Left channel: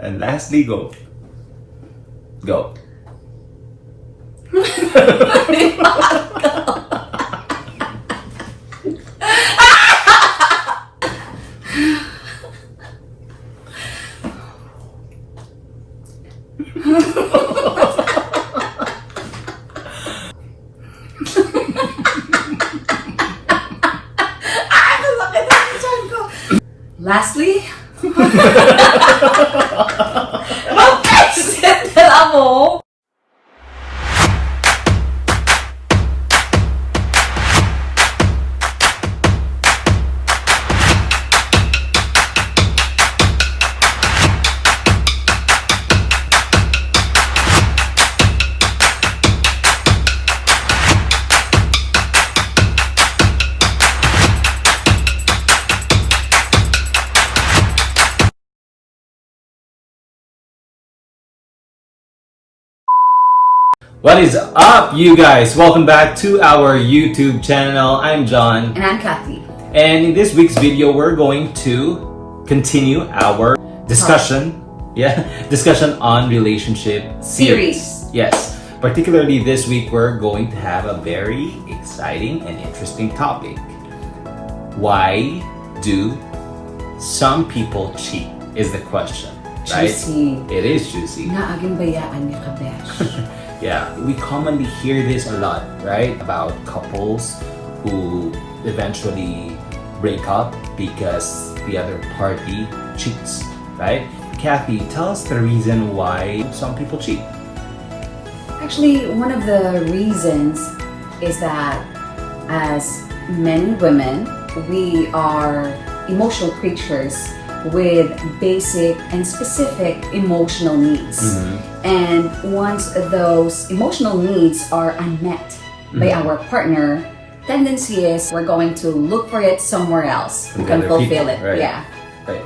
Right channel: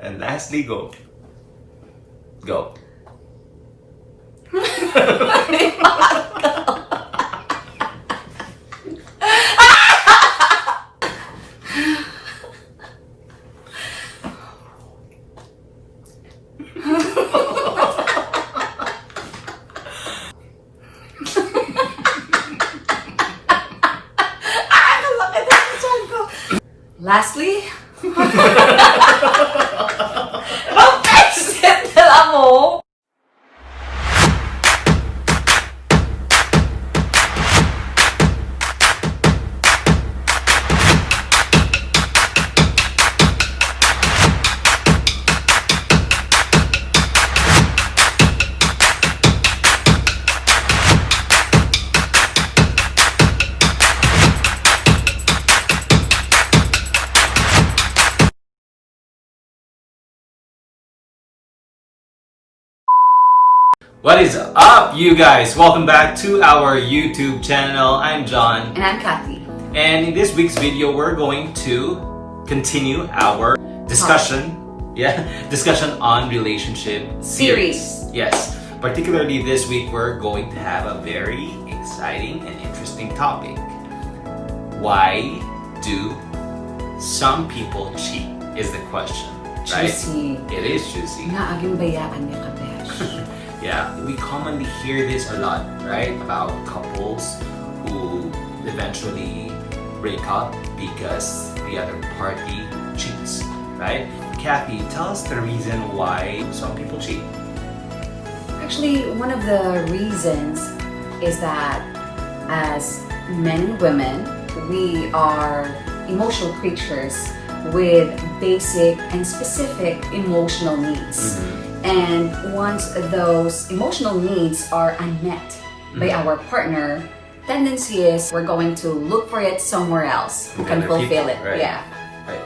And lastly, go. Go. Lastly, mag-exit na mo. What is up, you guys? Welcome back to our YouTube channel. I'm John. And I'm Kathy. And in this week's video, we're going to continue our discussion. Discussion on relationship series. Yes. Particularly this week, we're going to have a very exciting and interesting topic. Why do some people cheat? Is the question, right? Juicy. It is juicy. Naaging bayaan niya ka, besh. Yeah, we commonly hear this a lot, right? About couples who eventually break up because the other party cheats, right? Kathy, tell us the reason why some people cheat. Actually, one of the reasons is that as men and women, we are emotional creatures with basic and specific emotional needs. And once those emotional needs are unmet by our partner, tendency is we're going to look for it somewhere else who can fulfill it. Right? Yeah. Right.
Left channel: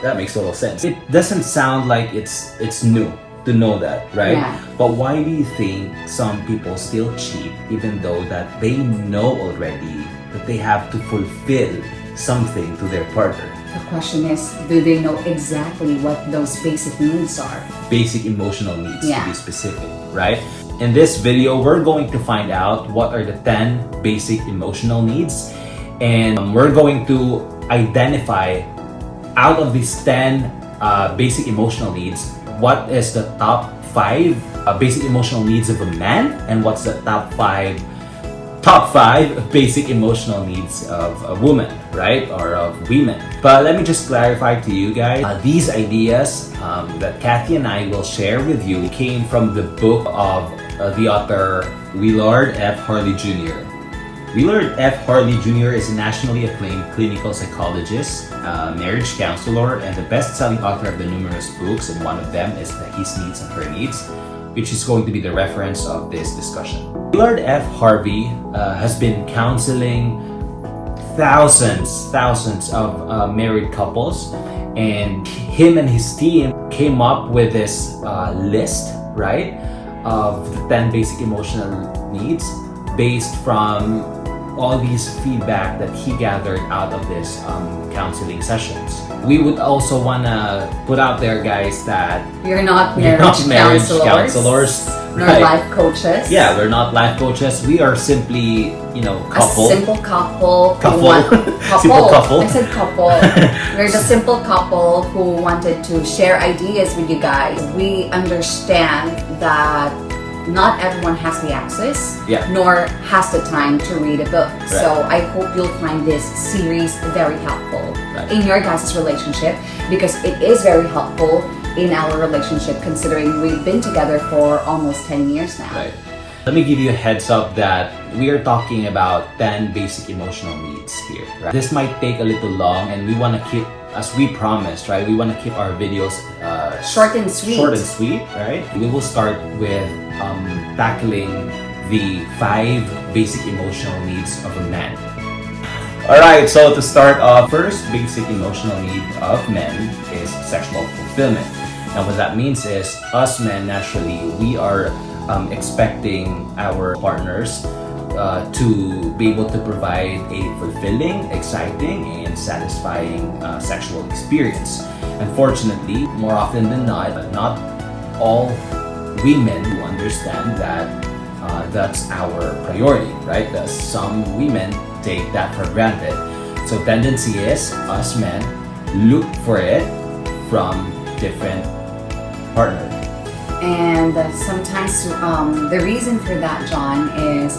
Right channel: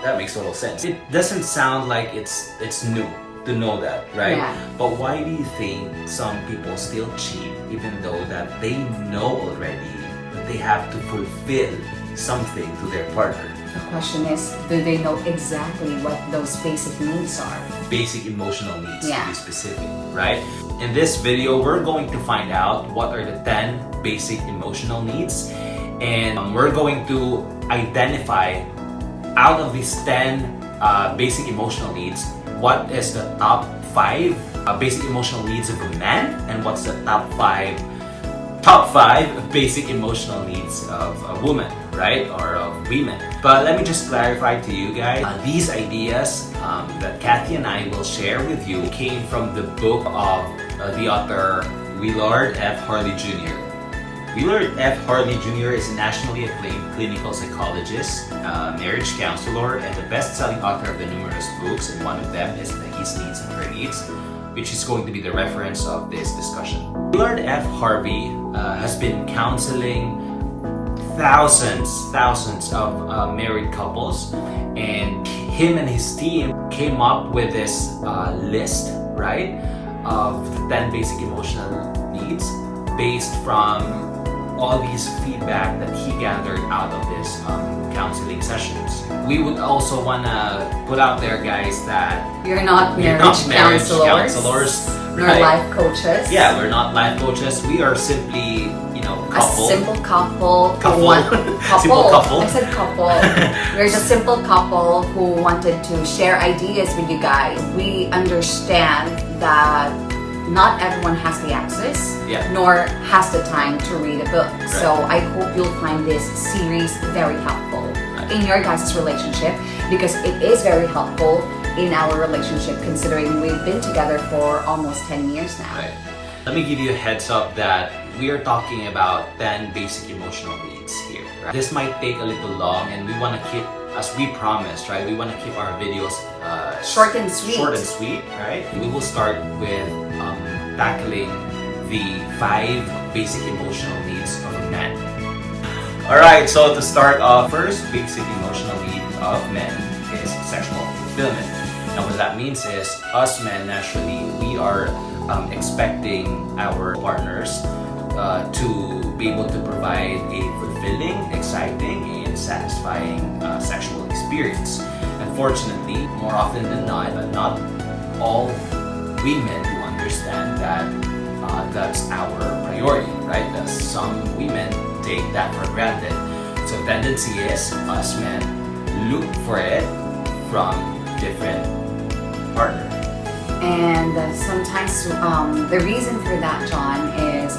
That makes total sense. It doesn't sound like it's new to know that, right? Yeah. But why do you think some people still cheat even though that they know already that they have to fulfill something to their partner? The question is, do they know exactly what those basic needs are? Basic emotional needs, Yeah. to be specific, right? In this video, we're going to find out what are the 10 basic emotional needs, and we're going to identify out of these 10 basic emotional needs, what is the top 5 basic emotional needs of a man, and what's the top 5 basic emotional needs of a woman, right? Or of women. But let me just clarify to you guys, these ideas that Kathy and I will share with you came from the book of the author Willard F. Harley Jr. Willard F. Harley Jr. is a nationally acclaimed clinical psychologist, marriage counselor, and the best-selling author of the numerous books, and one of them is His Needs and Her Needs, which is going to be the reference of this discussion. Willard F. Harvey has been counseling thousands of married couples, and him and his team came up with this list, right, of the 10 basic emotional needs based from all these feedback that he gathered out of this counseling sessions. We would also wanna put out there, guys, that We're not marriage counselors, nor right? life coaches. Yeah, we're not life coaches. We are simply, couple. A simple couple. Simple couple. I said couple. We're the simple couple who wanted to share ideas with you guys. We understand that not everyone has the access, nor has the time to read a book. Right. So I hope you'll find this series very helpful in your guys' relationship, because it is very helpful in our relationship, considering we've been together for almost 10 years now. Right. Let me give you a heads up that we are talking about 10 basic emotional needs here. Right? This might take a little long, and we want to keep, as we promised, right? We want to keep our videos short and sweet, right? We will start with tackling the 5 basic emotional needs of a man. All right, so to start off, first basic emotional need of men is sexual fulfillment. Now, what that means is, us men, naturally, we are expecting our partners to be able to provide a fulfilling, exciting, and satisfying sexual experience. Unfortunately, more often than not, not all women who understand that that's our priority, right? That some women take that for granted. So tendency is us men look for it from different partners. And sometimes the reason for that, John, is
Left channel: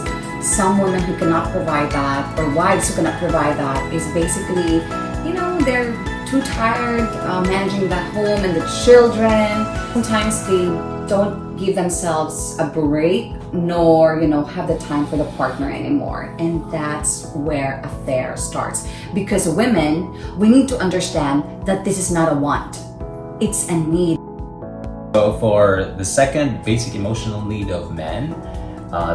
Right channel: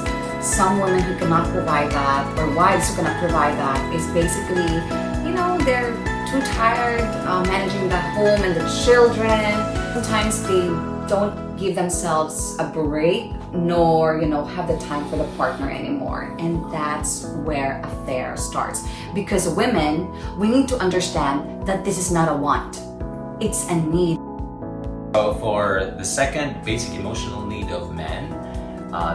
some women who cannot provide that, or wives who cannot provide that, is basically, they're too tired managing the home and the children. Sometimes they don't give themselves a break, nor have the time for the partner anymore, and that's where affair starts. Because women, we need to understand that this is not a want, it's a need. So for the second basic emotional need of men,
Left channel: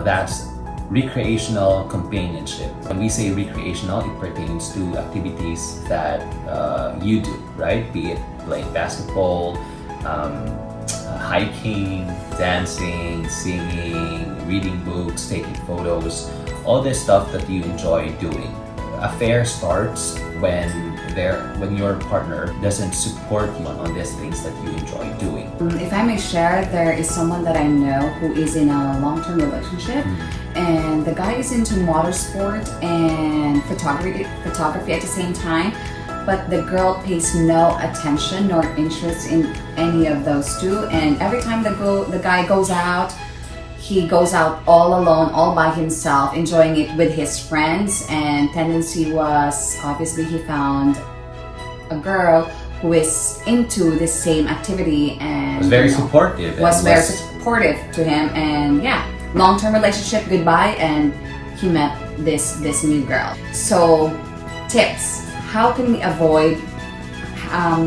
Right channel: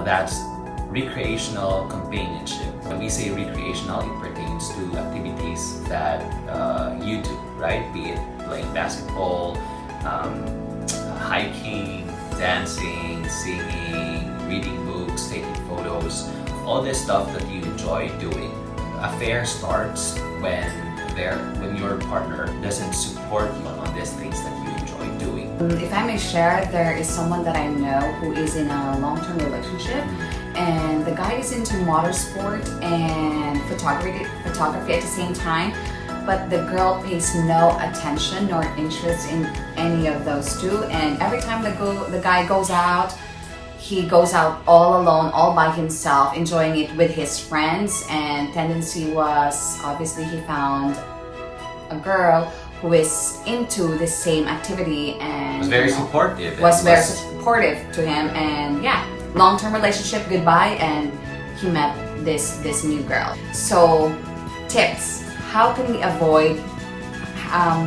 that's recreational companionship. When we say recreational, it pertains to activities that you do, right? Be it playing basketball, hiking, dancing, singing, reading books, taking photos, all this stuff that you enjoy doing. Affair starts when your partner doesn't support you on these things that you enjoy doing. If I may share, there is someone that I know who is in a long-term relationship, and the guy is into motorsport and photography at the same time, but the girl pays no attention nor interest in any of those two. And every time the guy goes out, he goes out all alone, all by himself, enjoying it with his friends. And tendency was, obviously, he found a girl who is into the same activity and was very supportive. Very supportive to him. And yeah, long-term relationship, goodbye, and he met this new girl. So, tips. How can we avoid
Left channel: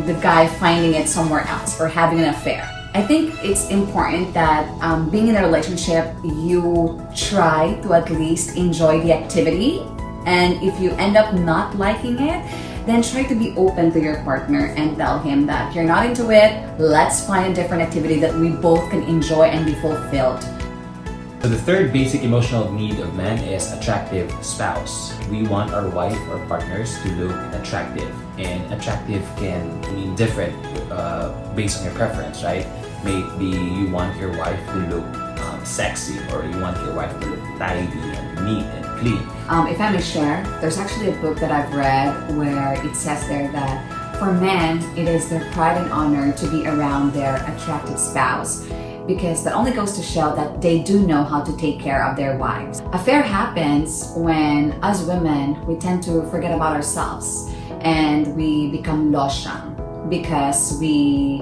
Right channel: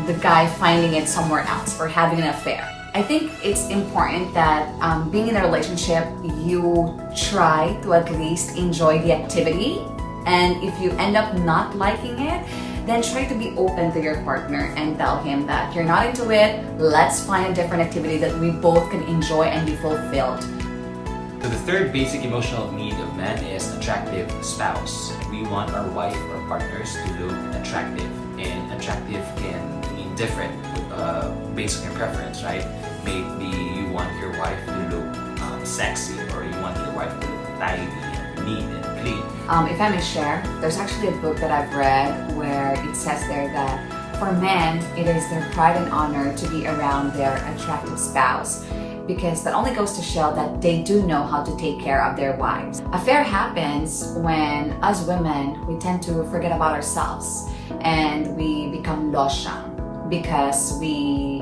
the guy finding it somewhere else or having an affair? I think it's important that being in a relationship, you try to at least enjoy the activity. And if you end up not liking it, then try to be open to your partner and tell him that you're not into it. Let's find a different activity that we both can enjoy and be fulfilled. So the third basic emotional need of men is attractive spouse. We want our wife or partners to look attractive, and attractive can mean different based on your preference, right? Maybe you want your wife to look sexy, or you want your wife to look tidy and neat and clean. If I may share, there's actually a book that I've read where it says there that for men, it is their pride and honor to be around their attractive spouse, because that only goes to show that they do know how to take care of their wives. Affair happens when us women, we tend to forget about ourselves and we become losyang because we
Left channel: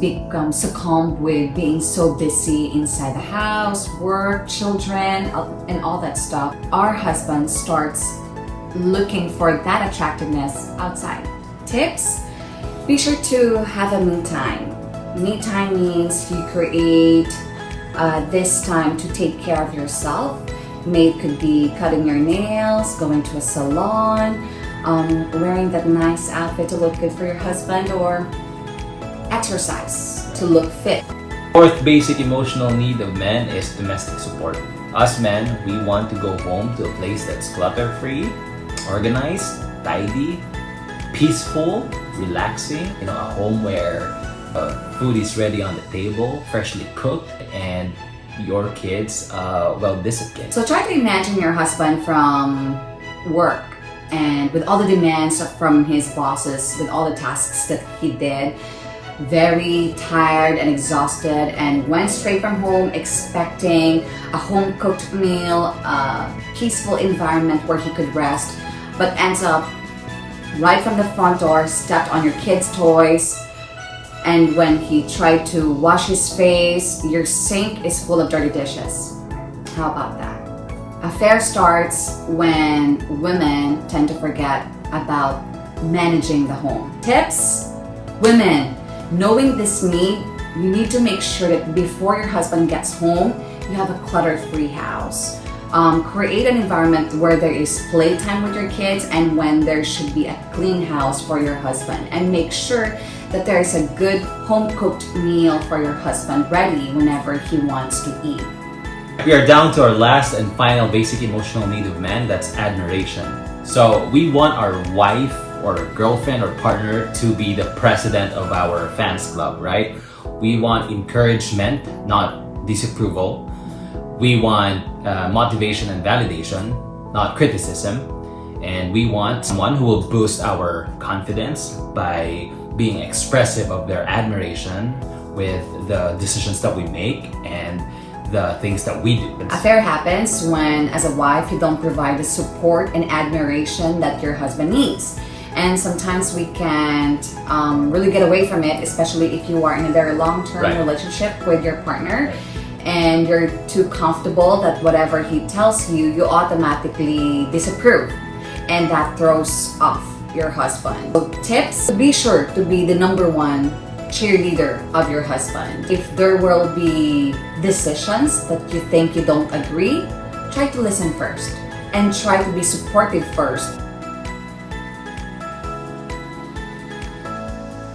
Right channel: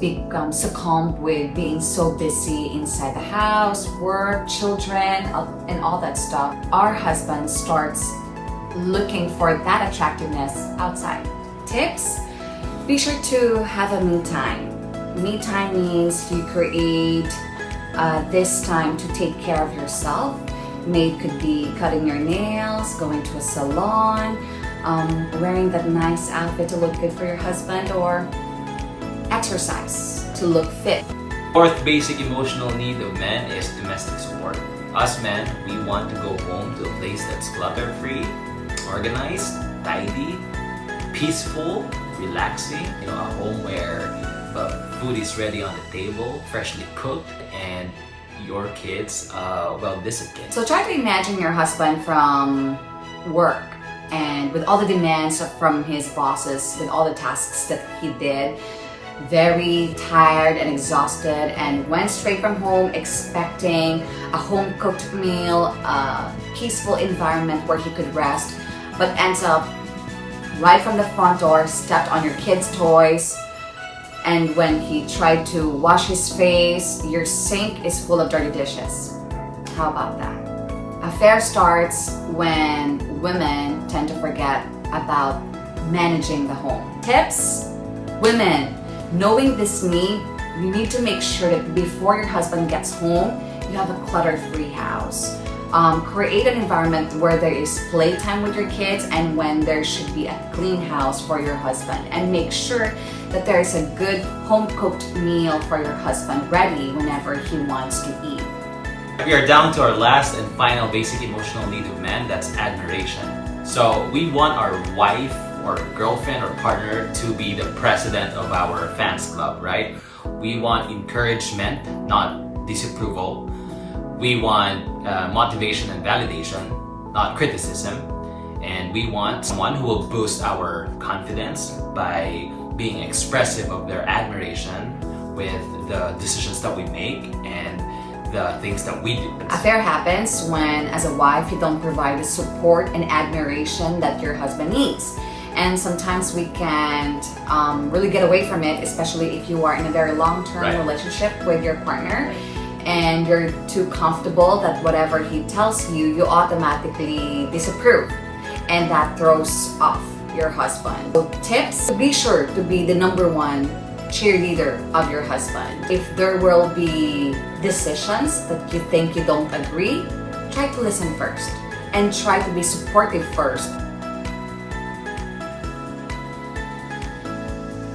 become succumbed with being so busy inside the house, work, children, and all that stuff. Our husband starts looking for that attractiveness outside. Tips? Be sure to have a me time. Me time means you create this time to take care of yourself. It could be cutting your nails, going to a salon, wearing that nice outfit to look good for your husband, or exercise to look fit. Fourth basic emotional need of men is domestic support. Us men, we want to go home to a place that's clutter-free, organized, tidy, peaceful, relaxing. A home where food is ready on the table, freshly cooked, and your kids well disciplined. So try to imagine your husband from work and with all the demands from his bosses, with all the tasks that he did, very tired and exhausted, and went straight from home expecting a home-cooked meal, a peaceful environment where he could rest, but ends up right from the front door, stepped on your kids' toys. And when he tried to wash his face, your sink is full of dirty dishes. How about that? Affair starts when women tend to forget about managing the home. Tips? Women, knowing this need, you need to make sure that before your husband gets home, you have a clutter-free house. Create an environment where there is playtime with your kids and when there should be a clean house for your husband. And make sure that there is a good home-cooked meal for your husband ready whenever he wants to eat. We are down to our last and final basic emotional need of men, that's admiration. So we want our wife or a girlfriend or partner to be the president of our fans club, right? We want encouragement, not disapproval. We want motivation and validation, not criticism. And we want someone who will boost our confidence by being expressive of their admiration with the decisions that we make and the things that we do. Affair happens when, as a wife, you don't provide the support and admiration that your husband needs. And sometimes we can't really get away from it, especially if you are in a very long-term relationship with your partner and you're too comfortable that whatever he tells you, you automatically disapprove. And that throws off your husband. So tips, be sure to be the number one cheerleader of your husband. If there will be decisions that you think you don't agree, try to listen first and try to be supportive first.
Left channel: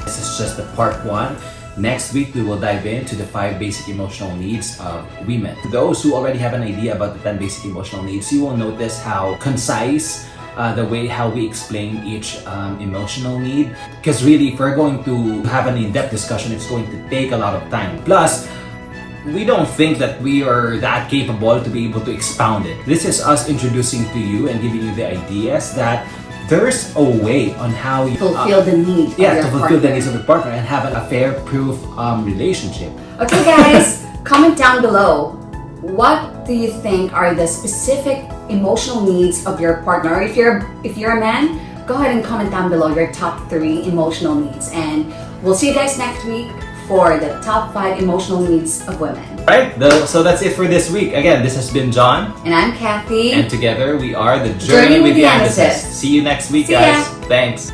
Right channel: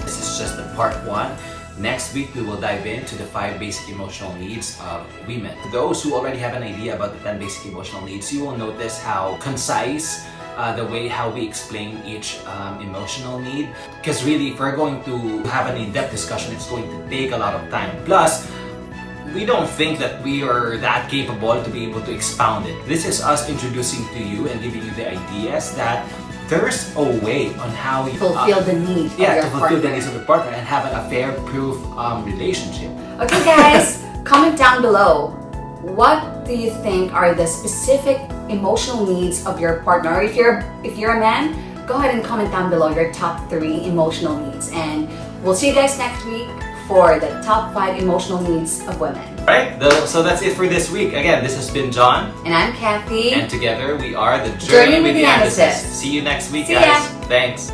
This is just the part 1. Next week, we will dive into the 5 basic emotional needs of women. Those who already have an idea about the 10 basic emotional needs, you will notice how concise the way how we explain each emotional need. Because really, if we're going to have an in-depth discussion, it's going to take a lot of time. Plus, we don't think that we are that capable to be able to expound it. This is us introducing to you and giving you the ideas that there's a way on how you fulfill the need of your to fulfill partner. the needs of your partner and have an affair-proof relationship. Okay guys, comment down below. What do you think are the specific emotional needs of your partner? Or if you're a man, go ahead and comment down below your top 3 emotional needs. And we'll see you guys next week for the top 5 emotional needs of women. Right? So that's it for this week. Again, this has been John. And I'm Kathy. And together we are the Journey with the Amethyst. See you next week, See guys. ya. Thanks.